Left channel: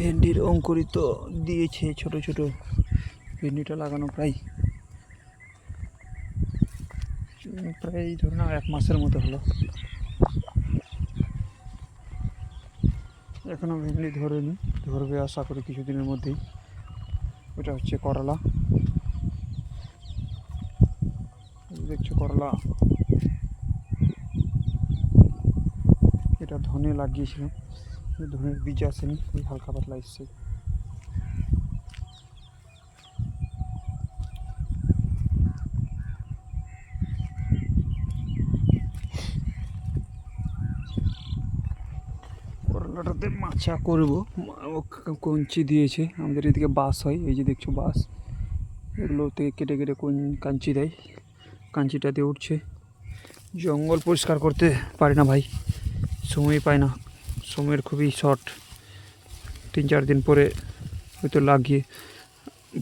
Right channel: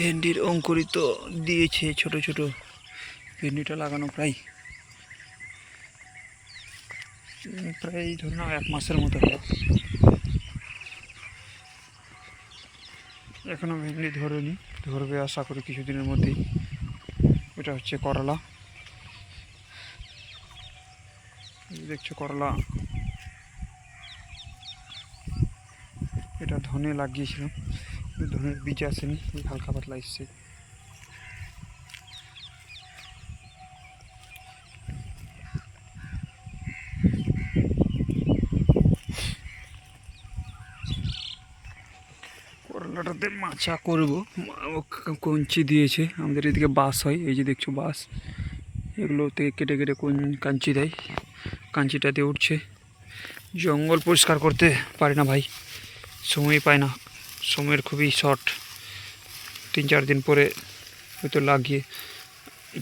ভেন্ডির অঙ্কুরিত দিয়েছে ছোট ছোট। ভেন্ডিটা লাগানো প্রায় ধরুন 1 মাসের মতো হলো। এখনো ভেন্ডি ধরেনি, ধরবে আশা করি কিছুদিনের মধ্যেই। এটা হচ্ছে করলা, দেখছো করলা। এটা ধনে লাগিয়েছিলাম, ধনের বীজ আসেনি, হালকা পাতলা এসছে। করলাটাতে মাচা করবো, কঞ্চি দিয়েছে। আমাদের এদিকে বাঁশ হয়, এই যে দেখছো বাঁশ, এগুলো থেকে কেটে কেটে কাঞ্চি দেয়, কাঞ্চিটা দিয়ে উঠছে। জঙ্গল পরিষ্কার করতে পারি না ভাই, সময় পাই না, সময়ের খুবই শর্ট। 3-4 দিন পরে হয়তো লাগিয়ে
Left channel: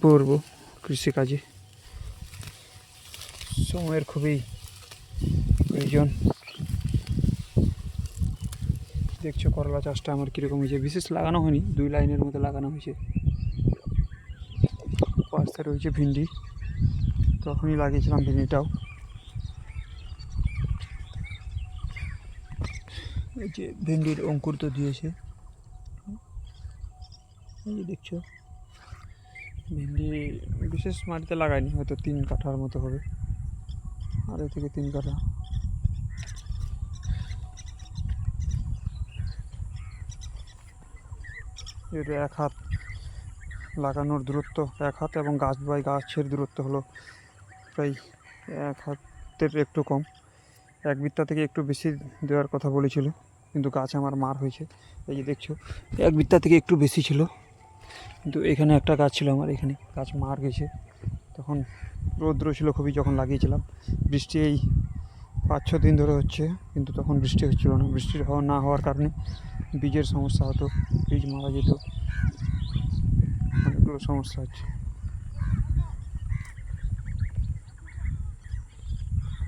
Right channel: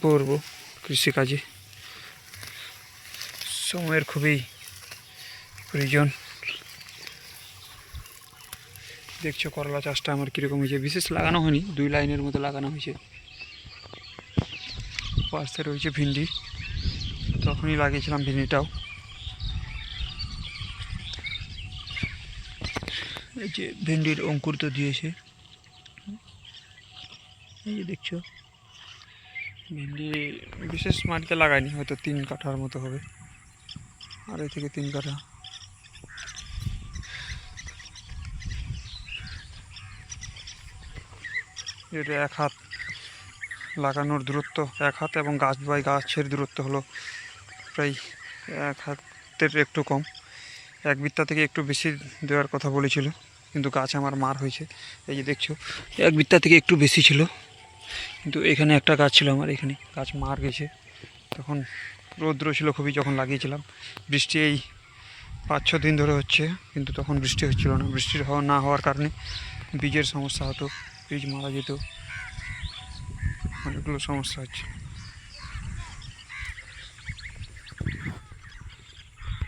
পড়বো কৃষিকাজে, সময়ের খুবই প্রয়োজন। দেখছো করলা চাষটা আমার কীরকম হয়েছে, বিশেষ লাগানো হয়নি, 2 লাইনের মতো লাগানো হয়েছে। পাশে রয়েছে ভিন্ডি, তখনই লাগিয়েছিলাম ভিন্ডিটাও। এই যে ভেন্ডির অঙ্কুর তো দিয়েছে, এই যে দেখছো। ভেন্ডি বিশেষ মাটিতে লাগাইনি, হয়তো 3 কাঠার মতো হবে, 2.5 থেকে 3 কাঠা। এটা 1 হাত লাগানোর দূরত্ব, 1 হাত, এবং গাছ বাই গাছের দূরত্ব হলো প্রায় 1 হাতের একটু কম। 1 বিত্তা থেকে একটু বেশি দেওয়ার কথা বলেছিল, কিন্তু গাছ আমার মার হয়েছে। এই যে দেখছো 1 বিত্তা থেকে একটু বেশি ছিল, কিন্তু এখানে একটা গাছ ছিল আমার, এখানে গাছ মার গেছে। তখন রৌদ্র ছিল খুবই যখন লাগিয়েছিলাম। বৃষ্টি এই 5-6 দিন ধরে হচ্ছে, কিন্তু তখন বৃষ্টি হচ্ছিল না। বৃষ্টি না হওয়ার কারণে বীজের সমস্যা হতো, বীজ মারা যেত, অনেকগুলো সমস্যা হচ্ছে।